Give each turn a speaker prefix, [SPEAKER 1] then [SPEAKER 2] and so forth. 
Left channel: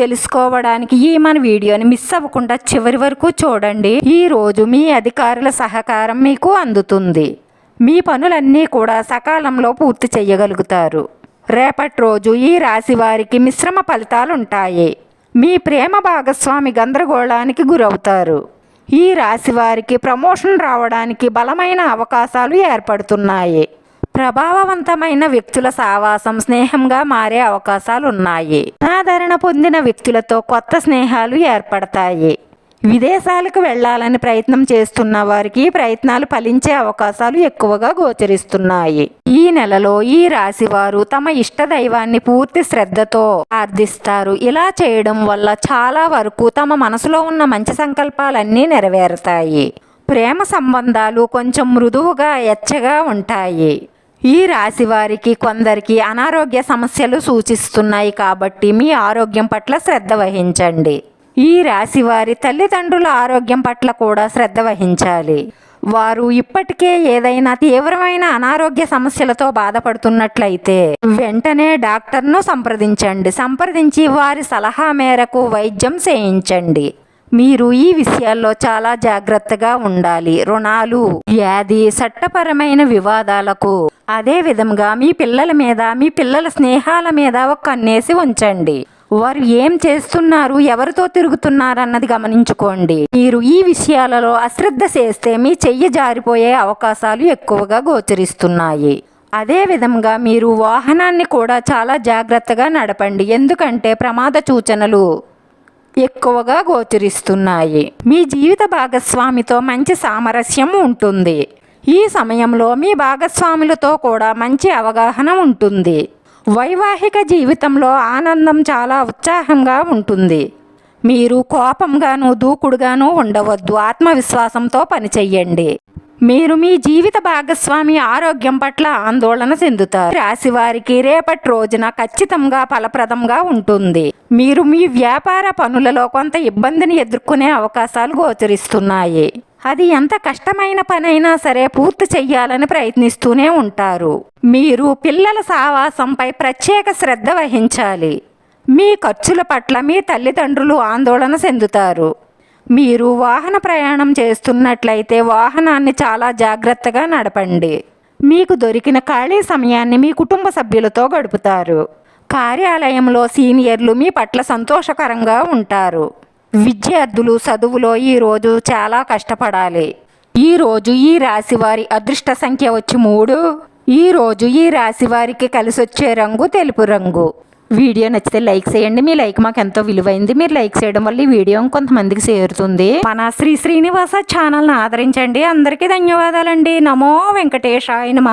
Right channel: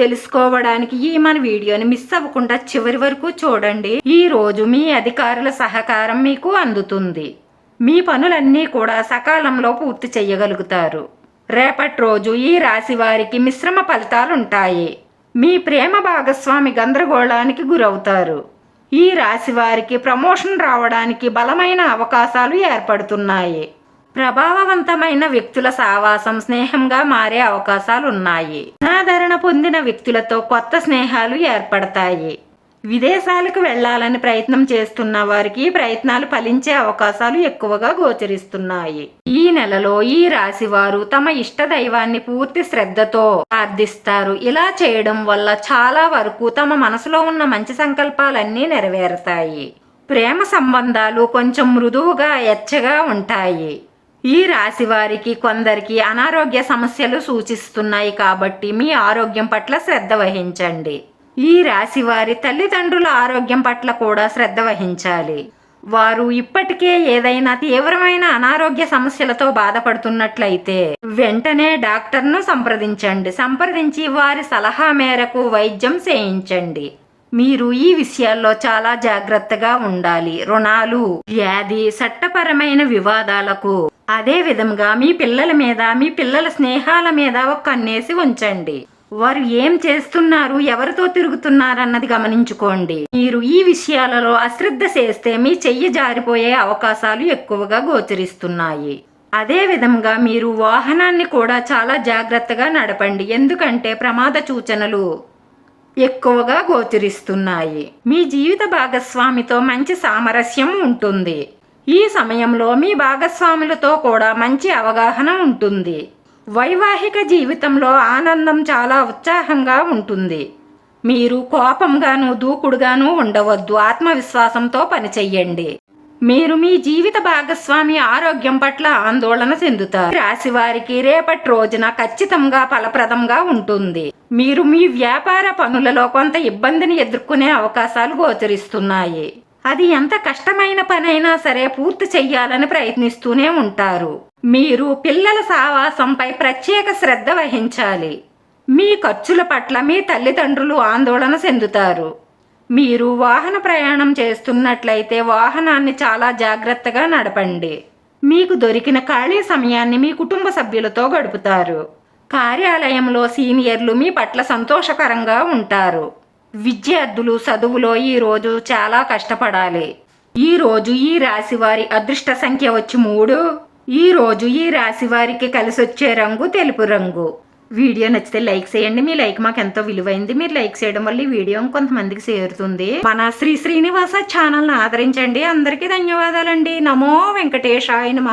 [SPEAKER 1] తెలుసుకోవడానికి ఈ మన వీడియోని మిస్ అవ్వకుండా చివరి వరకు చూడండి. ఈ రోజు మీ అధికారుల సహకారం మీకు అందుతుంది. మీ పనులన్నీ కూడా సకాలంలో పూర్తి చేయగలుగుతారు. రేపటి రోజు ఈ రాశి వారికి మిశ్రమ ఫలితాలుంటాయి. మీ ప్రేమ భాగస్వామి గందరగోళానికి గురవుతారు. ఈ రాశి వారికి ప్రమోషన్ రావడానికి బలమైన అవకాశాలు ఏర్పడుతున్నాయి. ప్రభావవంతమైన వ్యక్తుల సావాసం స్నేహంగా మారే అవకాశాలు ఉన్నాయి ఆదరణ పొందిన వ్యక్తులతో కొత్త స్నేహాలు ఏర్పడతాయి. విదేశాలకు వెళ్ళాలని ప్రయత్నం చేస్తున్న వారికి ప్రయత్నాలు ఫలించే అవకాశాలు ఎక్కువగా గోచరిస్తున్నాయి. ఈ నెలలో ఈ రాశి వారు తమ ఇష్ట దైవాన్ని పూర్తి శ్రద్ధతో ప్రార్థిస్తారు ఇలా చేయడం వల్ల చాలా వరకు తమ మనసులో ఉన్న మంచి సంకల్పాలన్నీ నెరవేరుతాయి. ప్రేమ సంబంధాలు కొంచెం మృదువుగా ఎచ్చగా ఉంటాయి. ఈ రాశి వారికి కొందరికి అనారోగ్య సమస్యలు సూచిస్తున్నాయి కాబట్టి మీ ఆరోగ్యం పట్ల శ్రద్ధ వహించండి. ఈ రాశి వారి తల్లిదండ్రుల ఆరోగ్యం పట్ల కూడా శ్రద్ధ వహించాలి. వారు ఇప్పటికే ఏదైనా తీవ్రమైన అనారోగ్య సమస్యలతో బాధపడుతున్నట్లయితే వెంటనే డాక్టర్ను సంప్రదించండి. సంప్రదించి వారి సలహా మేరకు వైద్యం చేయించండి. మీరు ఈ విషయాల్లో చాలా జాగ్రత్తగా ఉండాలి. రుణాలు వ్యాధి చట్టపరమైన వివాదాలకు అదే విధంగా మీ పిల్లల మీద మీ పిల్లల స్నేహాల మీద ఒక కన్నేసి ఉంచండి. వారు ఏం చేస్తున్నారు ఎవరితో తిరుగుతున్నారు అన్నది గమనించుకోండి. మీరు ఈ విషయాలలో అశ్రద్ధ చేస్తే మీ చెయ్యి జారిపోయే అవకాశాలు ఎక్కువగా గోచరిస్తున్నాయి. అదే విధంగా మీరు వాహనాన్ని కూడా చాలా జాగ్రత్తగా నడపండి. ఎందుకంటే ప్రమాద సూచనలు ఎక్కువగా గోచరిస్తున్నాయి. మీ జీవిత భాగస్వామితో మంచి సామరస్యం ఉంటుంది. ఈ సమయంలో మీ భాగస్వాములతో కూడా మంచి అవగాహన ఉంటుంది. వైవాహిక జీవితంలో ఆనందం చాలా ఉత్సాహంగా ఉంటుంది. మీరు కోపంగాను దూకుడుగాను ఉండవద్దు. ఆత్మవిశ్వాసంతో పనిచేయండి మీరు మీ జీవిత భాగస్వామి ఆరోగ్యం పట్ల ఆందోళన చెందుతారు. రాశి వారికి రేపటి రోజున ఖచ్చితంగా ఫలప్రదంగా ఉంటుంది. మీరు మీ వ్యాపార పనులలో కొంత ఇబ్బందిని ఎదుర్కొనే అవకాశాలు గోచరిస్తున్నాయి. అది ఎంత కష్టమైన పనైనా సరే పూర్తి చెయ్యాలని ప్రయత్నిస్తూనే ఉంటారు. మీరు పిల్లల సావాసంపై ప్రత్యేక శ్రద్ధ వహించాలి. మీ ఖర్చుల పట్ల మీ తల్లిదండ్రులు ఆందోళన చెందుతారు. మీరు వాహన ప్రయాణం చేస్తున్నట్లయితే వాహనాన్ని చాలా జాగ్రత్తగా నడపండి. మీకు దొరికిన ఖాళీ సమయాన్ని మీ కుటుంబ సభ్యులతో గడుపుతారు. కార్యాలయంలో సీనియర్లు మీ పట్ల సంతోషకరంగా ఉంటారు. విద్యార్థులు చదువులో ఈరోజు చాలా కష్టపడాలి. ఈరోజు ఈ రాశి వారి అదృష్ట సంఖ్య వచ్చి మూడు. ఈరోజు ఈ రాశి వారికి కలిసి వచ్చే రంగు తెలుపు రంగు. వీడియో నచ్చితే లైక్ చేయండి. మీ లైక్ మాకు ఎంతో విలువైంది. మీరు లైక్ చేయడం వల్ల ఈ వీడియో కొంతమందికి చేరుతుంది. మన శ్రీ శ్రీనివాస ఛానల్ని ఆదరించండి. అందరికీ ధన్యవాదాలండి. నమో వెంకటేశాయ నమ.